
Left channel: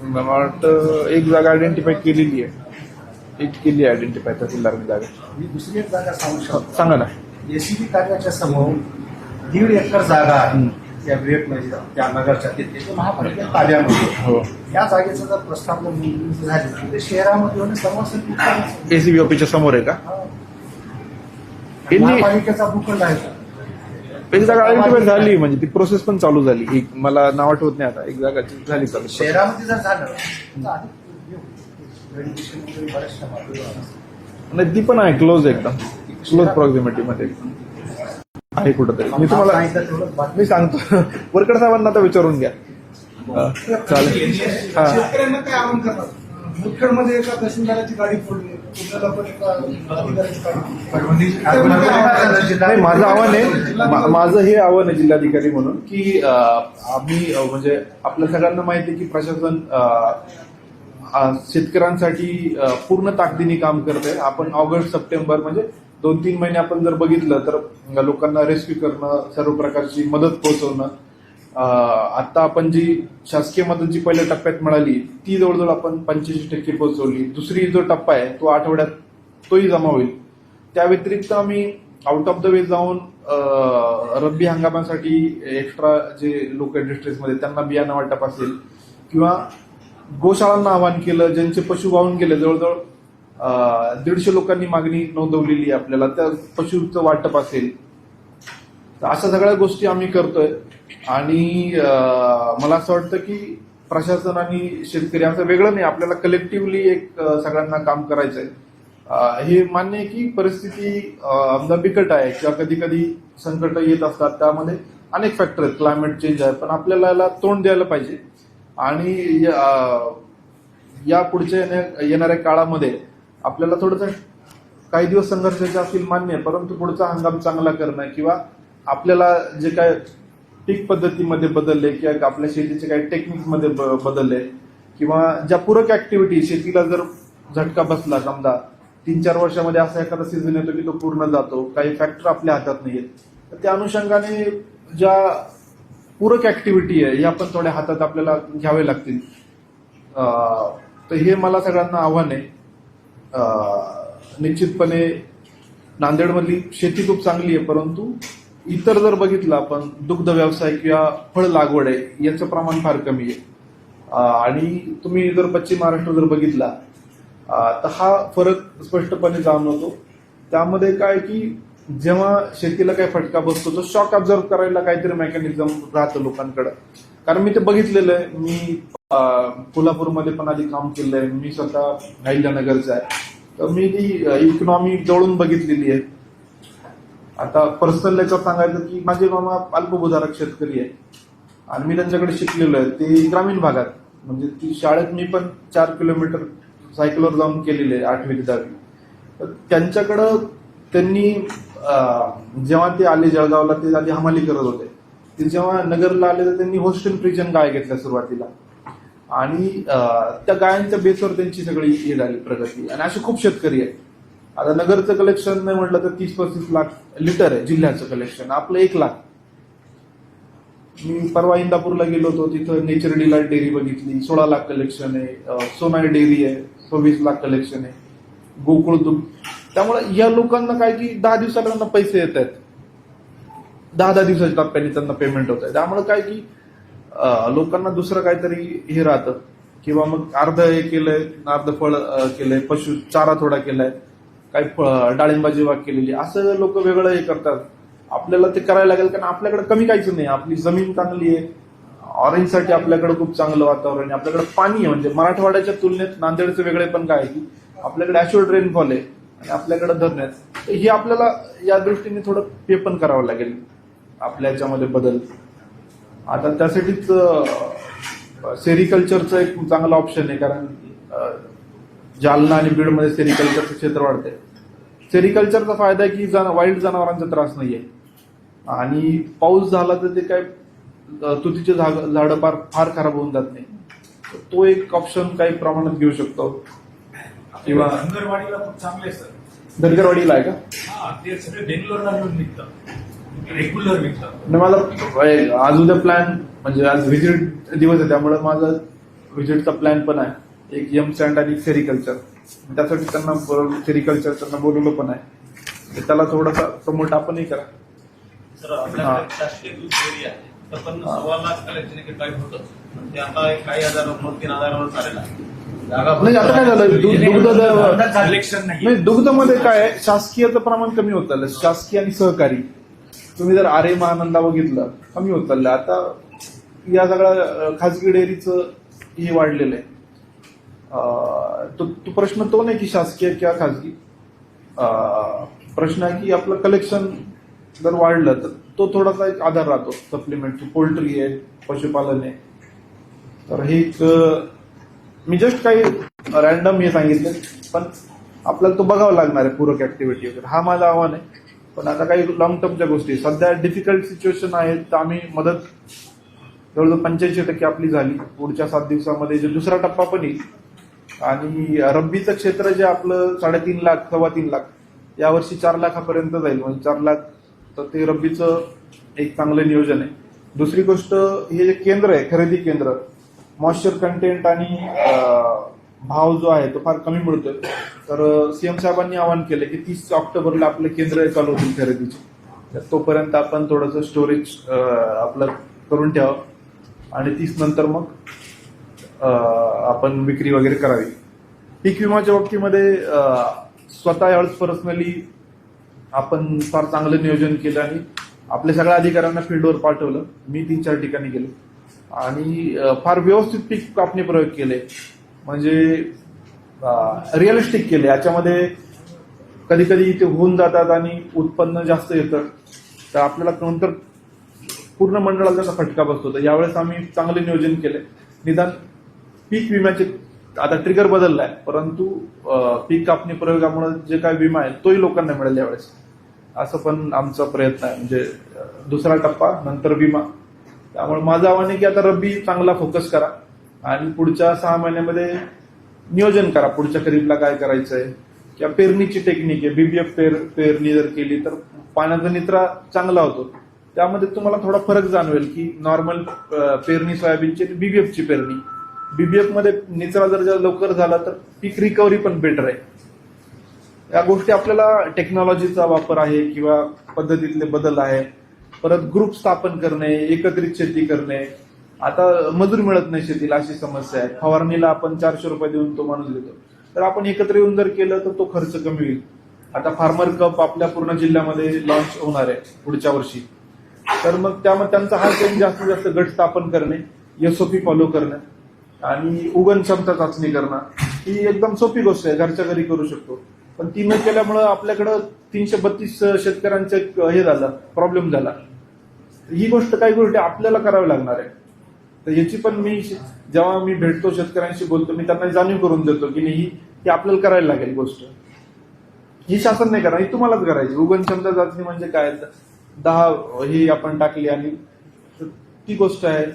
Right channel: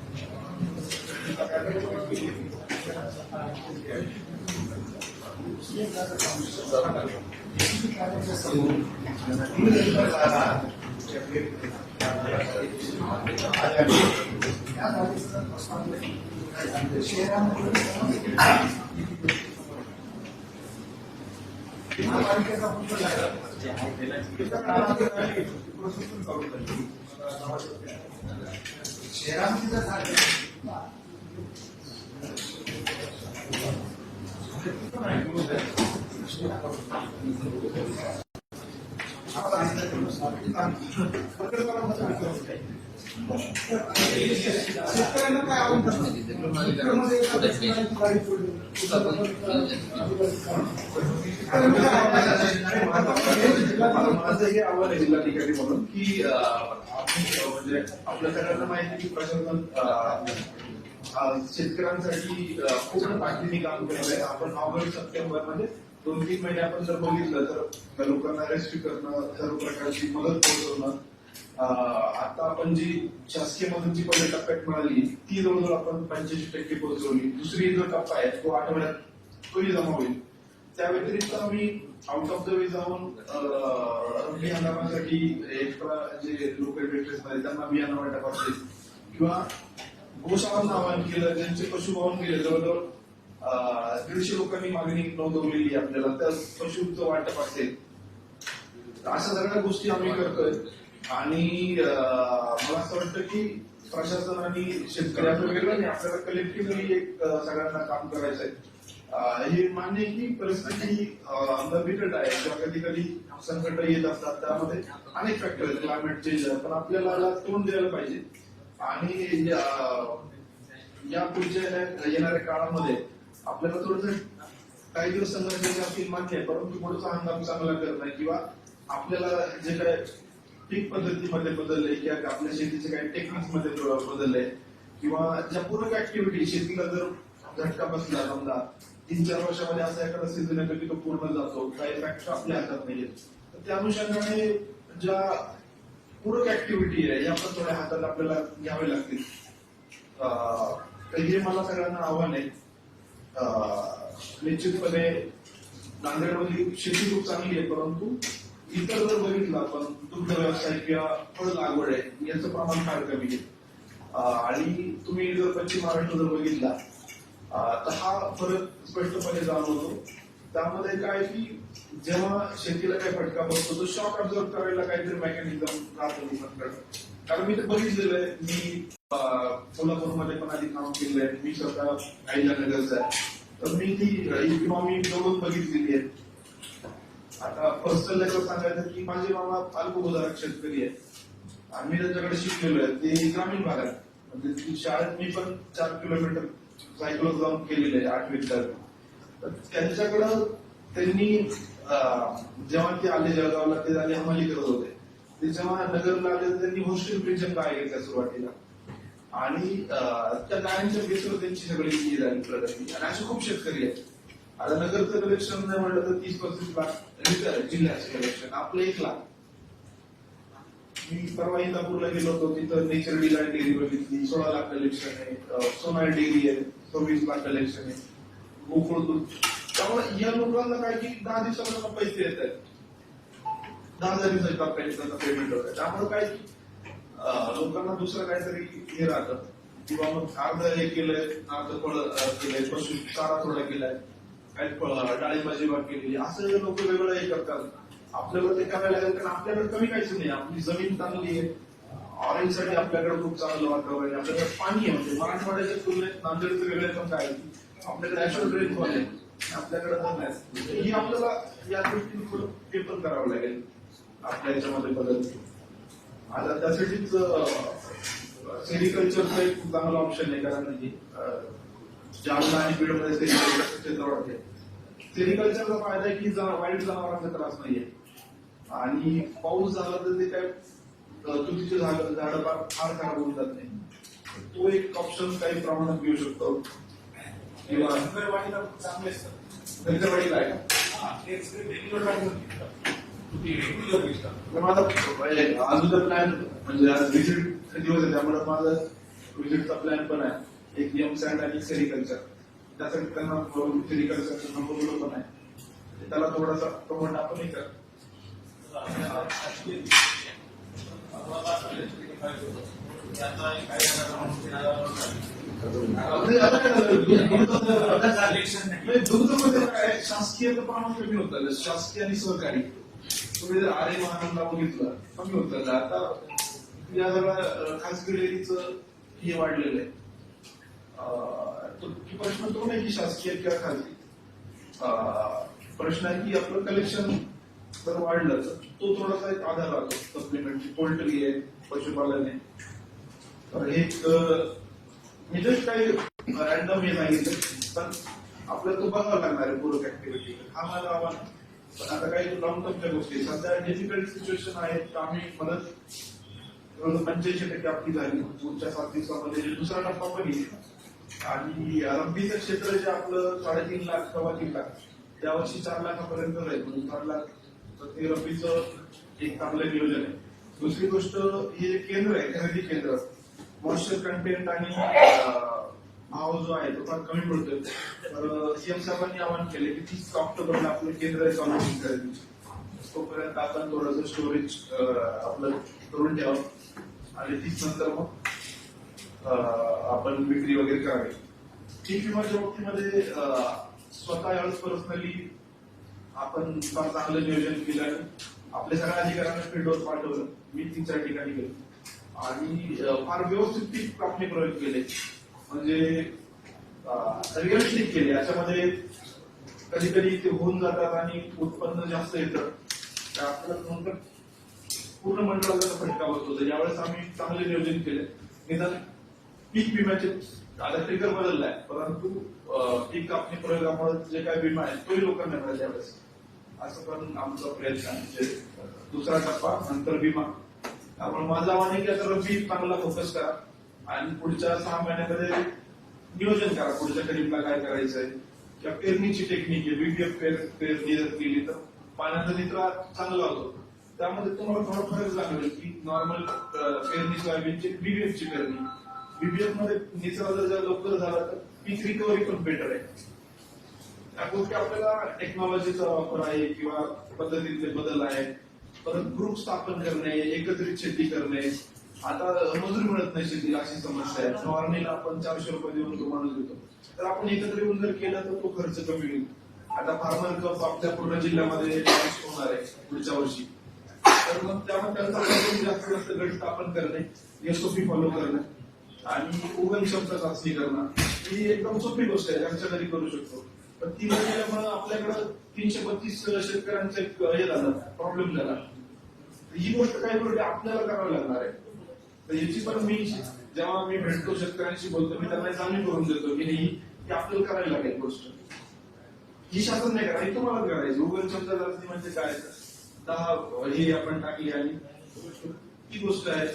S1: मला वाटतं एक जागा आयडेंटिफाय केलेली आहे एक केली आयडेंटिफाय तहसीलदार जागा दुसरी एक जागा
S3: सांगू शकतो सांगा ना एसीबी कार्याच्या समोर दीड एकर जागा आहे या त्या हो. जर म्हणजे
S1: एसीबी ऑफिसच्या समोर आहे का हो. जागा झाली म्हणजे ती प्रोसेस पण चालू झाली एक मला नाव आठवत नाही आता एक जागा झाली चालू शहरामध्ये नाही म्हणजे ती पण आहे क्लोज एकदम क्लोज अप्रॉक्सिमेटली मध्ये आहे तरी मी तुम्हाला मी सांगतो वरकड साहेबांना आता विचारून घ्या चालेल नाही माझं आव्हान आहे माझं हे आव्हान आहे जिल्हाधिकारी म्हणून की आम्ही म्हणजे आपल्या सगळ्यांना माहिती आहे की प्रशासन शेतकऱ्यांसाठी पूर्ण ताकदीने काम करते आपण ऑगस्ट सप्टेंबर म्हणजे दोन तीन महिने आपण जर बघितलं तर लोकांना रेस्क्यू करणं सर्व प्रकारची मदत पोहोचवणं आता आपण जी शासकीय मदत जी पहिल्या टप्प्यात मिळाली ती जवळजवळ आपण पंचेचाळीस टक्के पोहोचवली दुसरी जो टप्पा आहे तो आठवड्यात तोही जमा होईल त्या व्यतिरिक्त आम्ही आउट ऑफ द वे जाऊन रब्बी हंगामासाठी एक्स्ट्रा जे लोकल डिस्ट्रिक्टमध्ये त्यांना बियाणं वाटप असेल किंवा गोशाळांना आवाहन केलं ज्यांचे पशु वाहून गेले जवळजवळ दीडशे लोकांनी मागणी नोंदवलेली आपल्याला त्या पशुचं वाटप असेल तर अशा सगळ्या गोष्टी आम्ही करतोय आणि मला असं वाटतं की प्रशासन आणि शेतकरी असं वेगळं नाही आपल्याला कलेक्टिव्हली एक सगळ्यांना काम करायचं आहे हे मान्य आहे की परिस्थिती आमदार बिकट आहे किंवा कधी कधी संकट येत असतात त्यामध्ये अनेक फॅक्टर आहेत क्लायमेट चेंज आहे पण आपल्याला तोंड द्यायला पाहिजे आणि या पुढच्या येणाऱ्या काळामध्ये आपल्याला थोडंसं काही दिवस संघर्ष असतील मान्य आहे परंतु पुढचा हंगाम चांगला करणं किंवा आपल्याला जे काय पीक पद्धतीमध्ये बदलले किंवा आपल्या शेतीचे काही टेक्निकमध्ये ब बदलले किंवा ज्या पूरक ऍक्टिव्हिटी शेतीला जर झटका बसला समजा तीन चार वर्षामध्ये असा एखादा सीझन येतो की तो पूर्ण जातो काही फॅक्टर आपल्या हातात नाही तर त्या अनुषंगाने ज्या पूरक ऍक्टिव्हिटी आहे या पण थोड्या हातात आपल्याला घ्यावे लागतील तर हे मला सगळ्यांना आव्हान आहे निश्चितपणे नांदेडमधली शेती खूप चांगली आहे परंतु इतर जर बघितलं आपण दुग्ध व्यवसाय किंवा फळ लागवड आहे याचं प्रमाण फार कमी आहे आणि तुम्ही जर पश्चिम महाराष्ट्र जर बघितला तर हा फरक स्पष्टपणे जाणवतो त्यामध्ये काय की जेव्हा शेतीला काही फटका बसतो तो शॉक ऑब्झर्व करायला काहीतरी मेकॅनिझम राहतं लोकांकडं कारण मी ते बघितलेलं आहे मी कोल्हापूरमध्ये पण आधी काम केलं आहे मी स्वतः अहिल्यानगरचा आहे तर मी ती इकॉनॉमी जवळून बघितलेली आहे आता पर्सनल याच्यावर सांगायचं की माझे मामा अल्पभूधारक शेतकरी आहे आणि मी त्यांच्याकडे शिकलेलो आहे ते ग्रामीण भागात म्हणजे ती शाळेत मी पण चार किलोमीटर सायकलवर जाऊन केलेले आहे आठवी विद्यार्थी तर त्यांच्याकडं त्यांनी जेव्हा ते आले जळगावला ते आधी हमाली करत होते ते जेव्हा नगरला आले तर त्यांनी होस्टेल प्रिजन गाय घेतल्या सुरुवातीला आणि त्या गायांच्या बेसवर त्यांची सगळी हे झाली प्रगती आणि असे खूप शेतकरी आहेत आता नगरचं कलेक्शन नाही म्हटलं तर तीस पस्तीस लाख लिटर आहे जिल्ह्याचं कलेक्शन आपलं एक लाख मी परवा इंदापूरला गेलो होतो तिथं नेचर डीला डेअरी बघितली सोळा लाख कलेक्शन आहे सोनाई डेअरी आहे सव्वीस लाख कलेक्शन आहे गोकुळ दूध त्यामुळे या लोकांना काय की दहा दिवसाला पैसे येत आहेत दहा दहा दिवसाच्या टप्प्याने त्यांना पेमेंट होत आहे त्यामुळे काय की लोकांना दुसरं काहीतरी हे राहतं किंवा मग अर्ध हे केलंय अर्ध फळ केलंय पशु चारा थोडा केलाय काही डाळिंबाजी वाग केलेली असं लोक वेगळं हे करतात आपल्याला ते करायला लागेल कारण आपल्याकडे कमी काहीच नाही आपली जमीन चांगली आहे ऑरेंजसाठी आपल्याकडे खूप चांगलं वातावरण आहे आपल्याकडे पाणी आहे म्हणजे मराठवाड्याच्या तुलनेत नांदेडचं वेगळे पण काय की आपल्याकडे ॲश्युअल रेनफॉल आहे आणि आपल्याकडे धरण्यास हे आपल्याला या दृष्टीने थोडं पे पण करावं लागेल आपल्या याच्यामध्ये बदल आता त्यासाठीच सेरिकल्चरचं एक चांगला ऑप्शन आहे कारण जालना आणि बीडमध्ये सेरिकल्चरचं क्षेत्र वाढते सेरिकल्चरचा फायदा आहे की जाना वाईल्ड जनावरांचा त्रास नाही आहे आणि पाऊस झाला तर ते काय तुतीचे झाडं फार फार खराब होऊन जात नाही तो एक ऑप्शन काही प्रमाणात घेऊ शकतो किंवा धनगरवाडीला आहे का ते सगळे बेंगलोरला निघतात रेग्युलर आज उद्या प्लॅन म्हणजे आज व्हिजिट दिवस आहे त्यामुळे माझा व्हिजिटचा प्लॅन पण आहे एक यम स्टँड आणि सेरिकल्चर त्यासाठी त्यांना बरोबर सेरिकल्चर त्यांना बोलवलं पण आहे त्याला थोडासा प्रमोट आपणही करा
S3: नाही
S1: दुग्धमध्ये काय शासकीयचं प्रमाण कमी होत शासकीय आणि सहकारी तुम्ही जर आरे महानंदा बघितलं कमी होत चाललं आता या सगळ्या खाजगी डेअरीचं हे वाढलेलं आहे तो, तो प्रश्न तो नाही की शासकीय किंवा खाजगी प्रश्न आहे की आपलं कलेक्शन जर वाढलं तर तो थोडासा एक आधार राहतो सप्लिमेंट पोल्ट्री आहे पशुपालन आहे तर हे एक मी जस्ट काही रॅन्डम हे सांगितले पण आपल्याला तो बघावा लागणार आहे पूरक ऍक्टिव्हिटी वगैरे हा माझा आव्हान आहे पण आता काही लॉंग टर्मच्या गोष्टी सध्या डिफिकल्ट सिच्युएशन आहेत तर आम्ही मदत जवळजवळ पंच्याऐंशी टक्के आपली झाली पुढच्या सात दिवसामध्ये जे दुसरा टप्पा पण येईल आणि रब्बीचं क्षेत्र जे आपलं साडेतीन लाख सव्वा तीन लाख यावर्षी चार लाखापर्यंत जाईल म्हणजे चार लाख तर ते रब्बीचं एक चांगलं नियोजन आहे दुसरी गोष्ट हे जे केंद्र आहे खरेदी केंद्र मॉइश्चर कंटेंट आणि भाव जो आहे तो फार कमी मिळतोय तर सीएम साहेबांनी आवाहन केलं की तीस ऑक्टोबरला आपलं केंद्र चालू होतील खरेदीचे तर तोपर्यंत आपण थोडस स्टोरेज आपलं करून ठेवा आणि तीस नंतर मग आपण विक्री वगैरे करावी पीक विमाच्या बाबतीमध्ये स्वतः यावेळेस पर्सनली आपण फार चांगलं नियोजन केलं आणि आपल्या सगळ्या अधिकाऱ्यांना फील्डवर पाठवलं मी तीन चार ठिकाणी गेलो आणि फार व्यवस्थित पीक कापणी प्रयोग केले म्हणजे रिअलिस्टिक केले याच्यामध्ये कधी कधी ते होऊन जातात आणि उत्पन्न जास्त येतं तर आपल्याला नंतर पूर्ण मंडळाला त्याचा फटका बसतो तर यावेळेस आम्ही चांगले नियोजन केले निदान पीक विम्याचे आता ट्रिगर बदलला आहे परंतु पीक कापणी प्रयोगामुळे जे काय विमा आहे तोही लोकांना मिळेल यावेळेस असं पण आमचा प्रयत्न आहे म्हणजे दुसरा टप्पा नंतर विमा त्यामुळे माझं आव्हान आहे की आता रब्बी चांगला फोकस करा आणि पुढच्या सहा महिन्यामध्ये नियोजन करा पुढच्या खरीपला काय करायचंय किंवा पेरणीची टेक्निक आहे बीबीएफ पेर पेरणी जर केली तर पाण्याचा निचरा चांगला होतो त्यामध्ये तुम्हाला थोडा फरक जाणवेल की नॉर्मल पेरणी सोयाबीनची बीबीएफची पेरणी बीबीएफ मध्ये निचरा जर लवकर झाला तर पीक रिकव्हरी पण बेटर आहे या गोष्टी आपल्याला टेक्नॉलॉजीचा वापर आहे किंवा पद्धतीतले बदल आहे परत ग्रुप स्थापन करणे एकत्रित शेती करणे आता मजूर मिळत नाही शेतीला अशी समस्या आहे फवारणीला आपण चारशे रुपये देऊन तो माणूस देतो तर आपण एकत्र येऊन जर केलं तर तो खर्च कमी होईल आता फार्मर कप आपल्या पूर्ण जिल्ह्यामध्ये लॉन्च होणार आहे पुढच्या वर्षी तर मग त्यामध्ये त्यांचा हा एक जास्तीत जास्त गट स्थापन करणे एसओपी फॉलो करणे आणि उगण क्षमता चाचणी करणं ही एकदम सोपी गोष्ट आहे घरच्या घरी करू शकतो पण ती न केल्यामुळं आपल्याकडं तीनशे बत्तीस शेतकऱ्यांचं हे झालं प्रॉब्लेम झाला ही गोष्ट काही गोष्टी आपल्याला करावी लागणार आहे तर याची पण मी जेव्हा मी भेटतो शेतकऱ्यांशी बोलतो मी त्यांना जाणीव करून देतो की ही आपल्याला करायला लागेल गोष्ट ही शासन नाही करा ही तुम्हालाच करायची उगनछंद चाचणी म्हणजे काय दहा ही आपण टाकली आणि ती गोष्ट आहे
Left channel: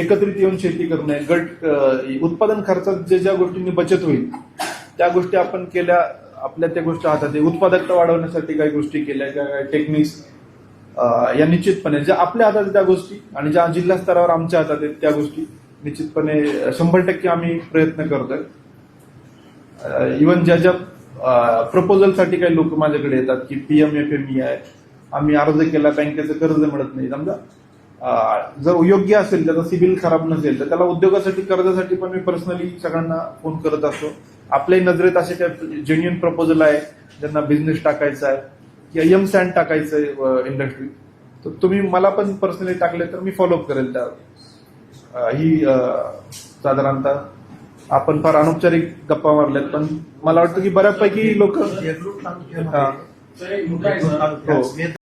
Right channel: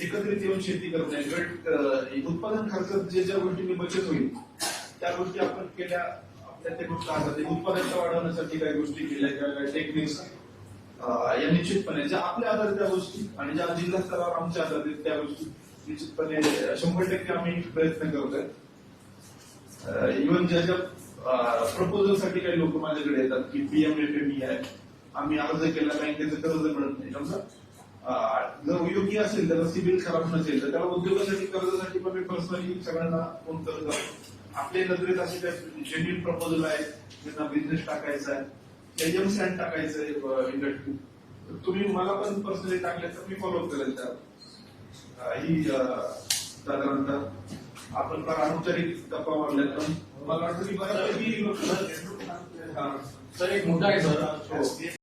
S1: एकत्रित येऊन शेती करणे गट उत्पादन खर्चात जे ज्या गोष्टींनी बचत होईल त्या गोष्टी आपण केल्या आपल्या त्या गोष्टी ते उत्पादकता वाढवण्यासाठी काही गोष्टी केल्या टेक्निक्स या निश्चितपणे ज्या आपल्या हातात त्या गोष्टी आणि ज्या जिल्हा स्तरावर आमच्या हातात आहेत त्या गोष्टी निश्चितपणे शंभर टक्के आम्ही प्रयत्न करतोय इवन ज्या ज्या प्रपोजलसाठी काही लोक माझ्याकडे येतात की पी एम एफ एम आहे आम्ही अर्ज केला बँकेचं कर्ज मिळत नाही समजा जर योग्य असेल त्याचा सिबिल खराब नसेल तर त्याला उद्योगासाठी कर्जासाठी पण मी पर्सनली सगळ्यांना फोन करत असतो आपल्याही नजरेत असे काही जेन्युन प्रपोजल आहे ज्यांना बिझनेस टाकायचा आहे यम सॅन्ड टाकायचंय इंडस्ट्री तर तुम्ही मला पण पर्सनली टाकले तर मी फॉलोअप करेल त्या ही साधारणतः आपण फार अनौपचारिक गप्पा मारल्यात पण मला वाटतं की बऱ्यापैकी लोक हा